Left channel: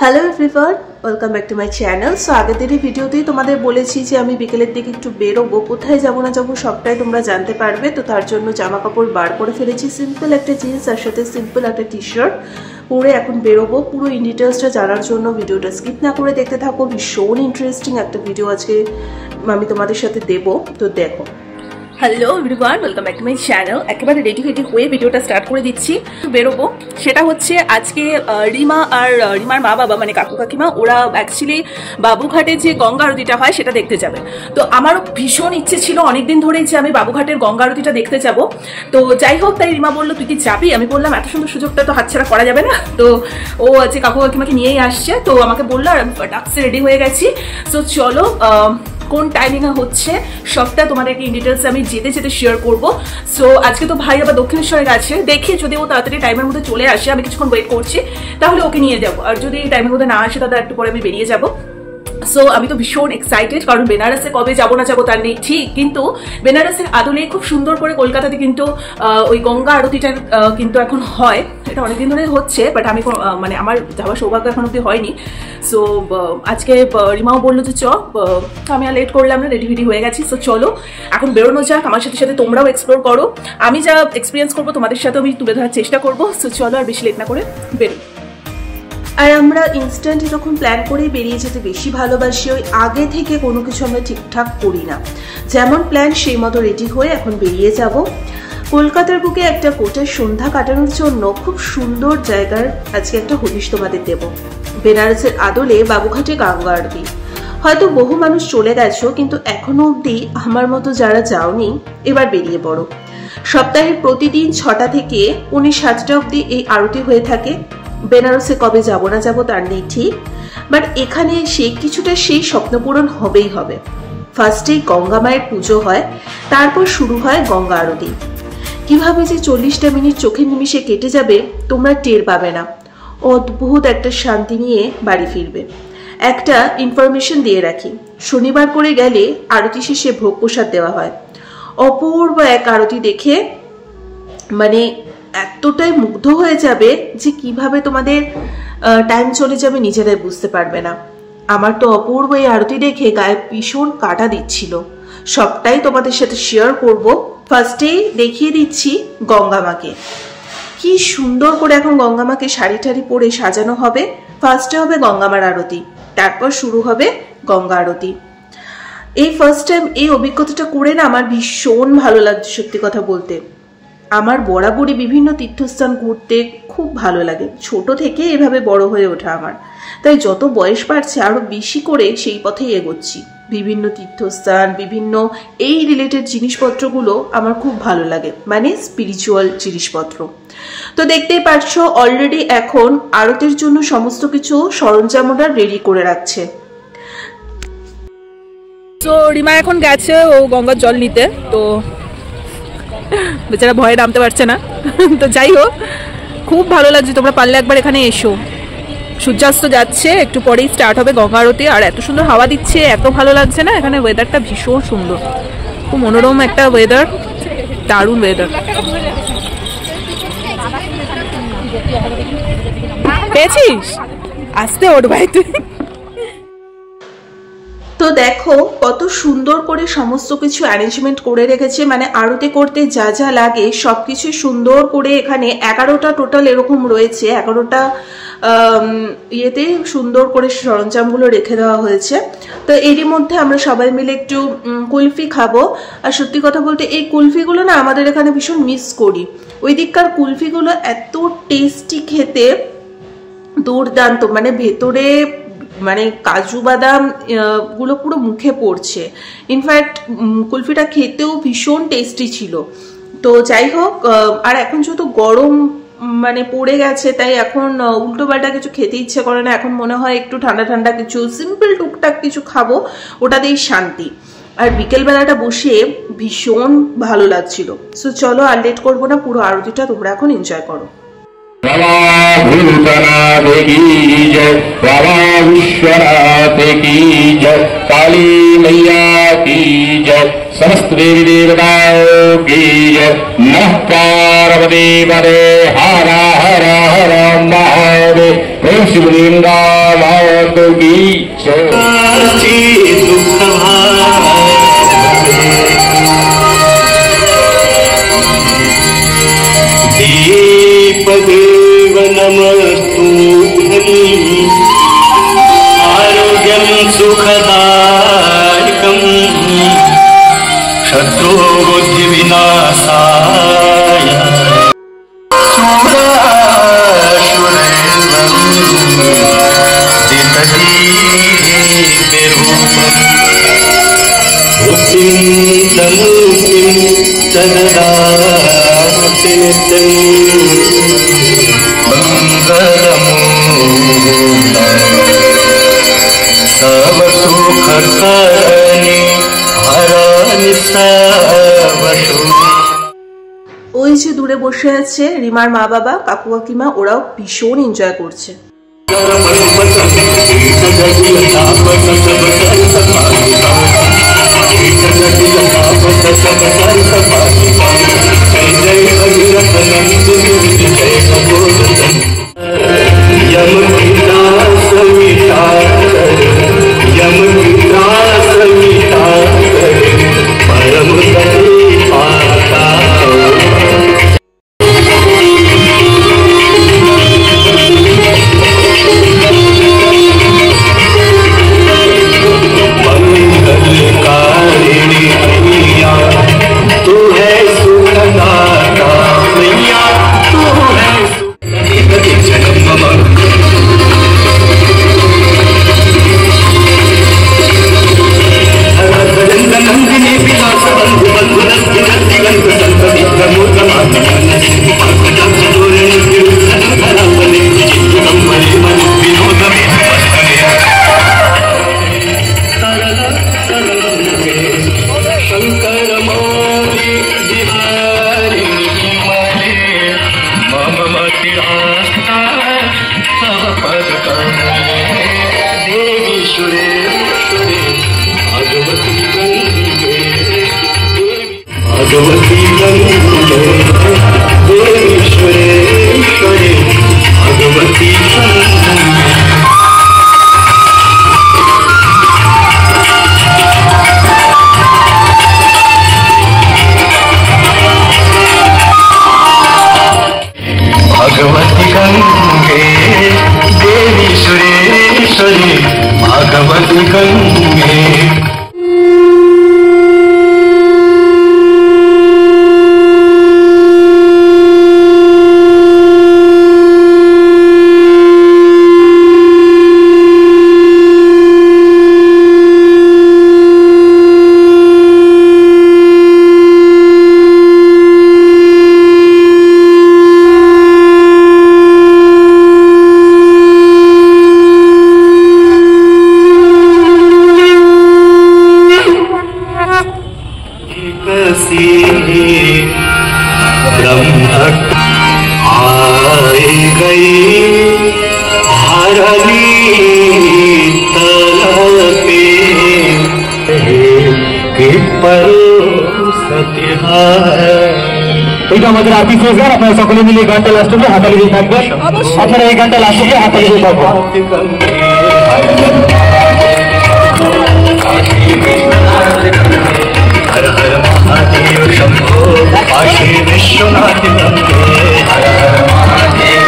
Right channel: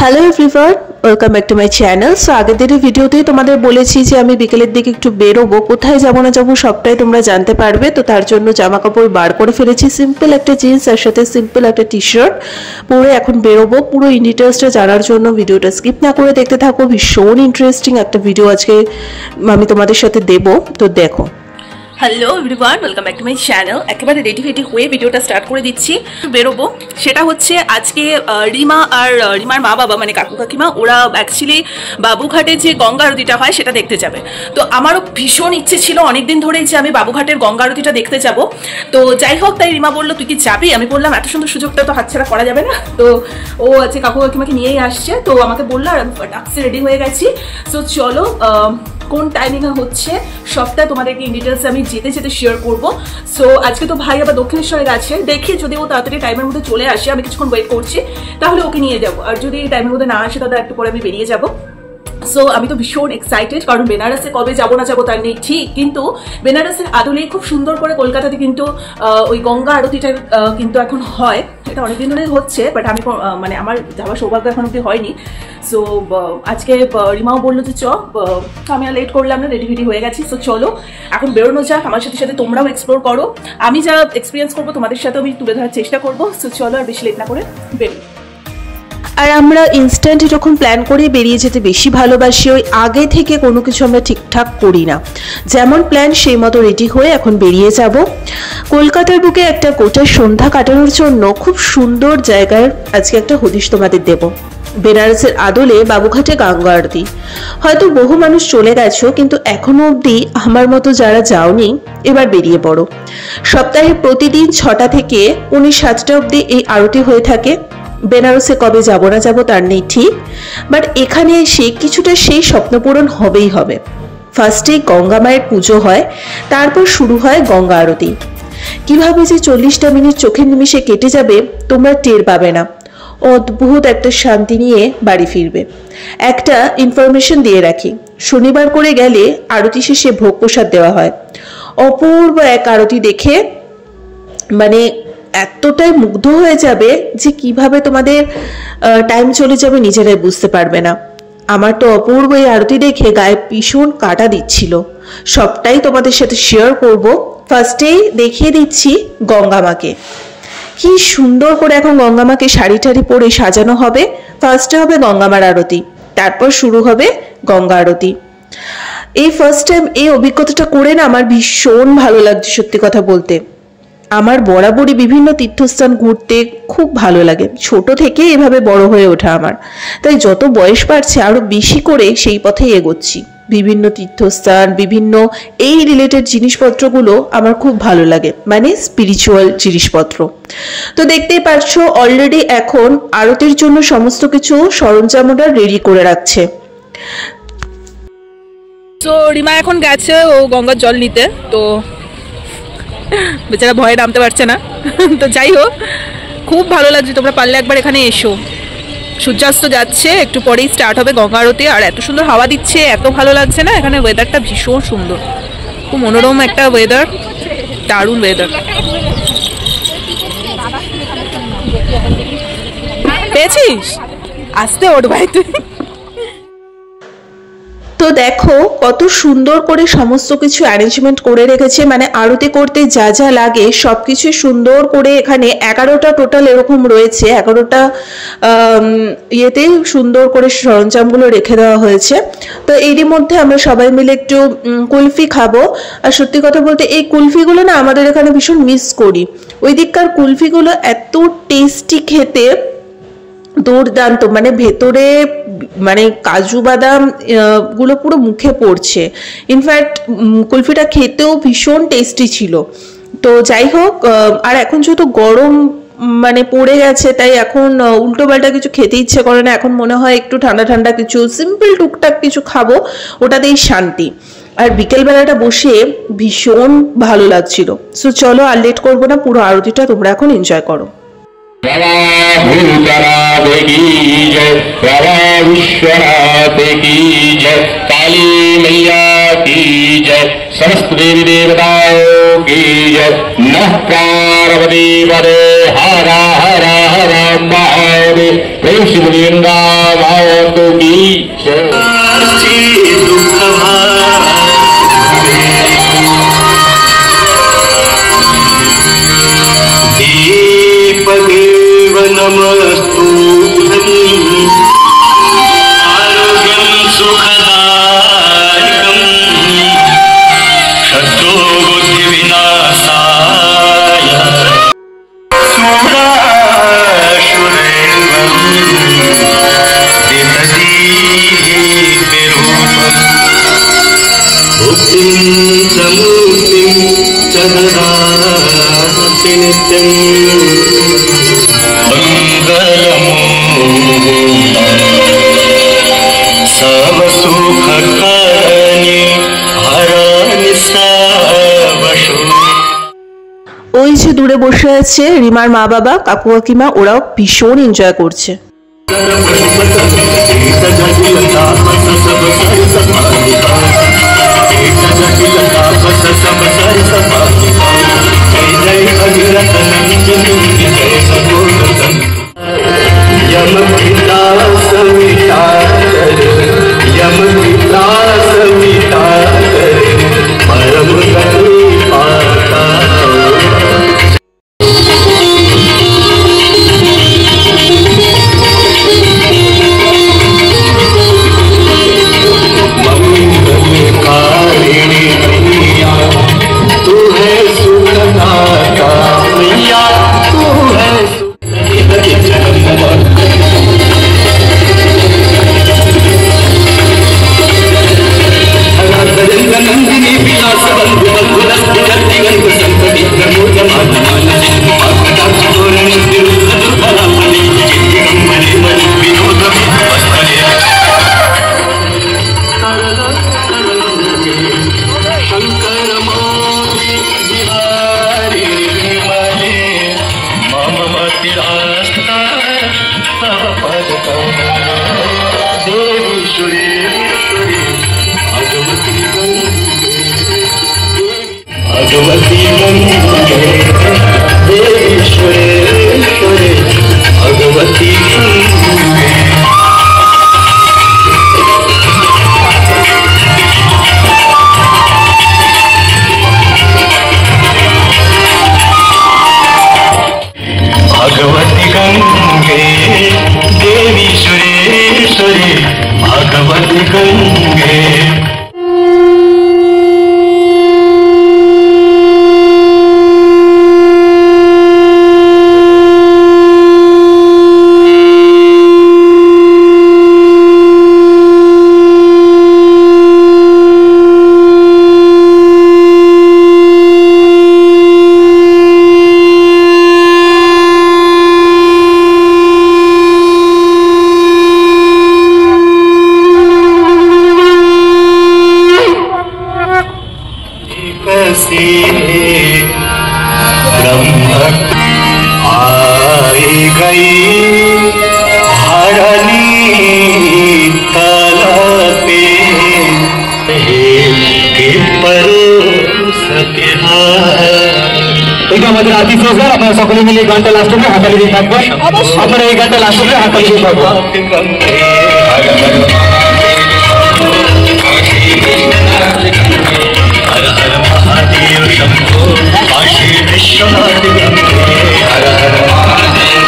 Hello everyone, welcome back to my channel. So আগের দিনের ভিডিওতেই তোমাদের বলেছি যে আমি বিকেলের দিকে একটু বেরোবো, কোথায় যাবো না যাবো সবটাই তোমরা জানতে পারবে। তো তার জন্য জামা কাপড় বার করে ফেলেছি, সিম্পল একটা জিন্স আর সাথে সিম্পল একটা টি শার্ট পরে এখন বেরোবো। পুরো ইন ডিটেলসটা জানার জন্য ভিডিওটা স্কিপ না করে দেখতে থাকো। ভীষণ ইন্টারেস্টিং একটা ভিডিও আজকে আমি তোমাদের সাথে দেবো, তো দেখো। Hello everyone, welcome back to my channel. একেবারে রেডি হয়ে ভিডিওটা স্টার্ট করে দিচ্ছি। বেরোবো, সেটা হচ্ছে আজকে রিমা আর রিমার মা বাবা মানে কাকু কাকিমা ওরা অ্যাকচুয়ালি বাবুঘাটের যে গঙ্গা আরতিটা হয় সেটা দেখতে যাবে। তো আমারও ভীষণ ইচ্ছে ছিল অনেকদিন ধরেই যে আমি বাবুঘাটের গঙ্গা আরতিটা দেখতে যাব। তো যাই হোক, তাই রিমা বললো তুই কি যাবি? আমি বললাম এত সুন্দর সুযোগটা তো হাতছাড়া করা যাবে না। তো ও আছে কাকু কাকিমাকে নিয়েই আসছে, তো আমাকে বললো আর আমি ফটাকসে রেডি হয়ে গেছি। তো চলো কোন টাইমিংয়ে হচ্ছে সবটা তোমাদেরকে ইন ডিটেলসে আমি যেতে যেতে শেয়ার করবো। সো আজকে তো ভাই আবার দক্ষিণেশ্বরে গেছে, দেখি যদি ও তাড়াতাড়ি টাইমের মধ্যে চলে আসে, আমি কিছুক্ষণ ওয়েট করছি, তাহলে ওকে নিয়ে যাবো। আর যদি টাইমের মধ্যে না আসে তাহলে একটু পরে আমি বেরিয়ে যাবো। সো আমি তো ভীষণ এক্সাইটেড, কারণ বেনারসে কবে যাবো না যাবো তার নেই ঠিক, কিন্তু বেনারসের আদলে খুব সুন্দর করে কলকাতাতে কিন্তু ওই গঙ্গা আরতিটা কিন্তু এখন হয়। এটা অনেকদিন ধরে হচ্ছে, বাট আমি মানে আমার যাওয়ার সৌভাগ্য এখন অব্দি হয়নি। সো আজকে রিমাও বললো যে চ, আমি আর লেট করলাম না, রেডি হয়ে গেছি। সো চলো এখন বেরোনো যাক, আমার সাথে সাথে তোমরাও এক্সপ্লোর করো। আমি যা এক্সপিরিয়েন্স করবো তোমাদের সাথেও আমি তুলে ধরার চেষ্টা করবো। সো চলো আর বেশি লেট না করে বেরোই। আর আমরা ইনস্ট্যান্ট এরকম প্ল্যান করে বেরিয়ে যেতে বেশি ভালোবাসি, ওই আগে থেকে কোনো কিছু আমরা ঠিকঠাক করি না। যেমন প্ল্যান সেই মতো রেডি হয়ে এখন বেরিয়ে যাব কলকাতার বুকে একটা গোটা সন্ধ্যা কাটানোর জন্য। খুব সুন্দর জায়গার আজকে একটা হদিশ তোমাদের দেব। বেনারসের আদলে বাবুঘাটে গঙ্গা আরতি। হয়তো বহু মানুষ চলে গেছো, কিন্তু এখনো অবধি আমার মতো যারা যাওনি এবার বেরিয়ে পড়ো। সপ্তাহে প্রতিদিন 6টা থেকে 7টা অবধি এই আরতি হয়ে থাকে। বেনারসে কবে যাবো না যাবো তার নেই ঠিক, বাট এখানে এসে কিছুটা সেই স্বপ্ন পূরণ হবেই হবে। ফার্স্টেই গঙ্গা মায়ের পুজো হয়, তারপর শুরু হয় গঙ্গা আরতি। কিভাবে যে 40টা মিনিট চোখের নিমিষে কেটে যাবে তোমরা টের পাবে না। অদ্ভুত একটা শান্তি নিয়ে বাড়ি ফিরবে। একটা ইনফরমেশন দিয়ে রাখি, শনিবার করে গেলে আরতি শেষে ভোগ প্রসাদ দেওয়া হয়। অপূর্ব এক আরতি দেখে মানে এতটাই মুগ্ধ হয়ে যাবে যে কিভাবে তোমাদের টাইম চলে যাবে নিজেরাই বুঝতে পারবে না। আমার তো অপূর্ব এই আরতি দেখে গায়ে ভীষণ কাটা দিচ্ছিল। সবটাই তোমাদের সাথে শেয়ার করব। ফার্স্টেই দেখিয়ে দিচ্ছি গঙ্গা মাকে। কি সুন্দর করে এখন গঙ্গা মাকে শাড়ি টাড়ি পরে সাজানো হবে। ফার্স্টে হবে গঙ্গা মার আরতি, তারপর শুরু হবে গঙ্গা আরতি। এই ফার্স্ট টাইম এই অভিজ্ঞতাটা করে না আমার ভীষণ ভালো লাগছে। সত্যি কথা বলতে আমার বরাবরই বিভিন্ন তীর্থস্থান ঘুরতে খুব ভালো লাগে, ছোট থেকে এভাবে বড় হয়ে ওঠা আমার। তাই যত বয়স বাড়ছে আরো বেশি করে সেই পথেই এগোচ্ছি। বিভিন্ন তীর্থস্থান, বিভিন্ন এই রিলেটেড জিনিসপত্রগুলো আমার খুব ভালো লাগে, মানে স্পিরিচুয়াল জিনিসপত্র। তো দেখতেই পাচ্ছ অলরেডি এখন আরতির জন্য সমস্ত কিছু সরঞ্জাম ওরা রেডি করে রাখছে। তো রিমা এখন গেছে ও গঙ্গার জল নিতে, তো বেচারা ভয়ে নামতে পারছে না। তো যাই হোক, খুব ভালো লাগছে, তোমরা পারলে একবার এখানে এসো। সূর্যাস্ত যাচ্ছে, একটু পরেই স্টার্ট হবে গঙ্গা আরতি। আর এত সুন্দর হাওয়া দিচ্ছে, এত ভালো লাগছে না, এখানে ওয়েদারটা ভীষণ সুন্দর, খুব মনোরম একটা ওয়েদার, দারুণ ওয়েদার। পেয়েছিস? আসতে ওঠ ভাই তুই। তো দেখো কত সুন্দর করে সমস্ত কিছু অ্যারেঞ্জমেন্ট করে রেখেছে, মানে আরতি করতে যা যা লাগে সবকিছু সুন্দর করে। এখানে 11টা টোটাল এরকম রয়েছে, 11টা ইয়েতে সুন্দর করে সরঞ্জামগুলো রেখে দেওয়া হয়েছে। তো এরই মধ্যে আমরা সবাই মিলে একটু কুলফি খাবো। আর সত্যি কথা বলতে এই কুলফিগুলো না আমাদের এখানে ভীষণ মিস করি। ওই দিককার কুলফিগুলো এত টেস্টি খেতে, দুর্দান্ত, মানে ভেতরে মানে কাজু বাদাম গুলো পুরো মুখে পড়ছে। ইনফ্যাক্ট কুলফিটা খেতেও ভীষণ টেস্টি ছিল। তো যাই হোক, আর এখন যেহেতু গরম মানে পড়ে গেছে, তাই এখন উল্টো পাল্টা কিছু খেতে ইচ্ছে করে না। এখন মনে হয় একটু ঠান্ডা ঠান্ডা কিছু সিম্পল টুকটাক কিছু খাবো, ওটাতেই শান্তি। আর বিকেলবেলাটা বসে ভীষণ ভালো লাগছিল। সো চলো আর লেট করবো না, পুরো আরতিটা তোমরা এখন এনজয় করো। भूतनाथ की जय, प्रभा विश्वनाथ की जय, काली मैया की जय, समस्त देवी देवताओं की जय। नमः पार्वती पदे हर हर हर महादेव। प्रेम श्री वृंदा माता की जय। दीपदेव नमस्तुभ्यं आरोग्यं सुखदायकं शत्रुबुद्धिविनाशाय सुरासुरैर्वं देवदीदेवं बुद्धिं च मुक्तिं च ददाति नित्यं सब सुख करने हरानि सब सुख। ওই যে দূরে বসে আছে রিমার মা বাবা, কাকু কাকিমা, ওরাও ভীষণ এনজয় করছে। भगवती गंगे देवेश्वरेश्वरे भगवती भगवती गंगे देवेश्वरेश्वरे भगवती गंगे। आई गई हरनी तलपे पर सके আমাদের আতি ফেজগার আপনারা সকলে মিলে গানটা লাস্ট অবধি হাতালি দিয়ে থাকবেন। আপনারা এই গানটা লাস্ট অবধি হাতালি দিয়ে থাকবেন। हर हर महादेव शंभो काशी विश्वनाथ गंगे हर हर महादेव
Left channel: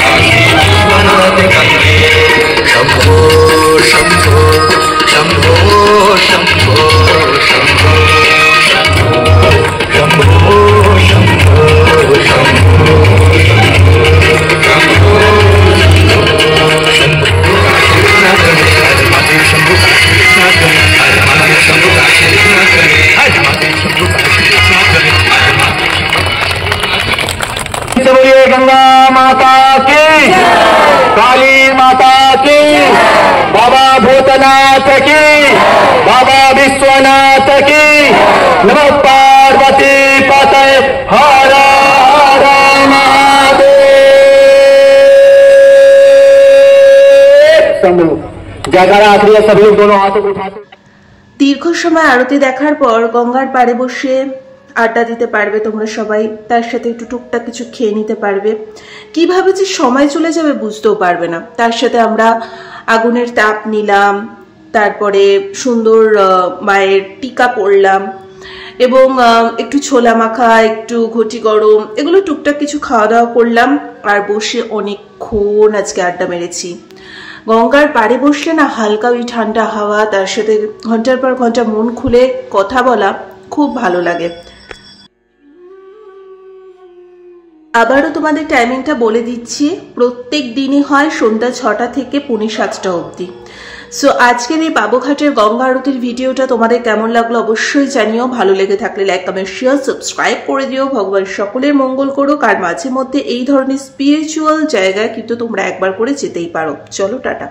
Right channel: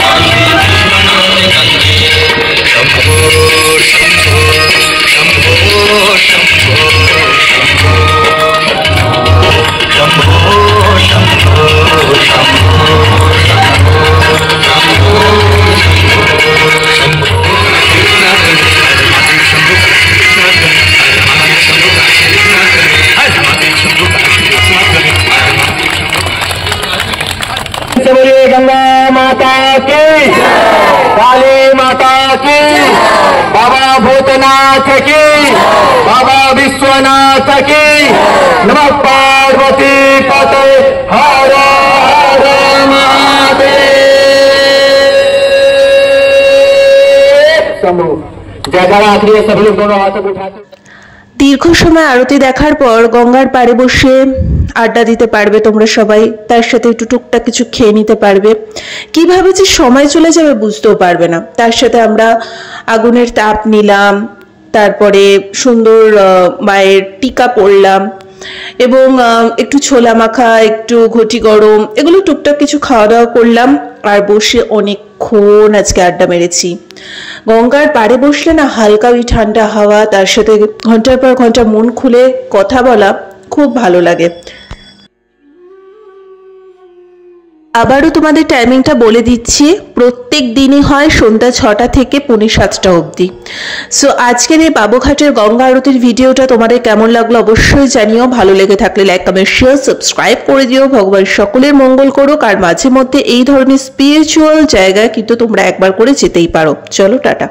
काशी विश्वनाथ गंगे शंभो शंभो शंभो शंभो शंभो शंभो शंभो शंभो गंगा माता की काली माता की बाबा भूतनाथ की बाबा विश्वनाथ की नमः पार्वती पते हर हर महादेव शंभो। जयकारा आखिरी सभी लोग दोनों हाथों को उठाते। দীর্ঘ সময় আরতি দেখার পর গঙ্গার পাড়ে বসে আড্ডা দিতে পারবে তোমরা সবাই, তার সাথে একটু টুকটাক কিছু খেয়ে নিতে পারবে। কিভাবে যে সময় চলে যাবে বুঝতেও পারবে না। তার সাথে আমরা আগুনের তাপ নিলাম, তারপরে সুন্দর মায়ের টিকা পড়লাম এবং একটু ছোলা মাখা, একটু ঘটি গরম, এগুলো টুকটাক কিছু খাওয়া দাওয়া করলাম। আর বসে অনেকক্ষণ আজকে আড্ডা মেরেছি। গঙ্গার পাড়ে বসলে না হালকা ওই ঠান্ডা হাওয়া, তার সাথে ঘন্টার পর ঘন্টা মন খুলে কথা বলা খুব ভালো লাগে। আবারও তোমাদের টাইমিংটা বলে দিচ্ছি, প্রত্যেক দিনই হয় সন্ধ্যা 6টা থেকে পৌনে 7টা অবধি। সো আজকের এই বাবুঘাটের গঙ্গা আরতির ভিডিওটা তোমাদের কেমন লাগলো অবশ্যই জানিও। ভালো লেগে থাকলে লাইক, কমেন্ট, শেয়ার, সাবস্ক্রাইব করে দিও। ভগবান সকলের মঙ্গল করুক। আর মাঝে মধ্যে এই ধরনের স্পিরিচুয়াল জায়গায় কিন্তু তোমরা একবার করে যেতেই পারো। চলো টাটা।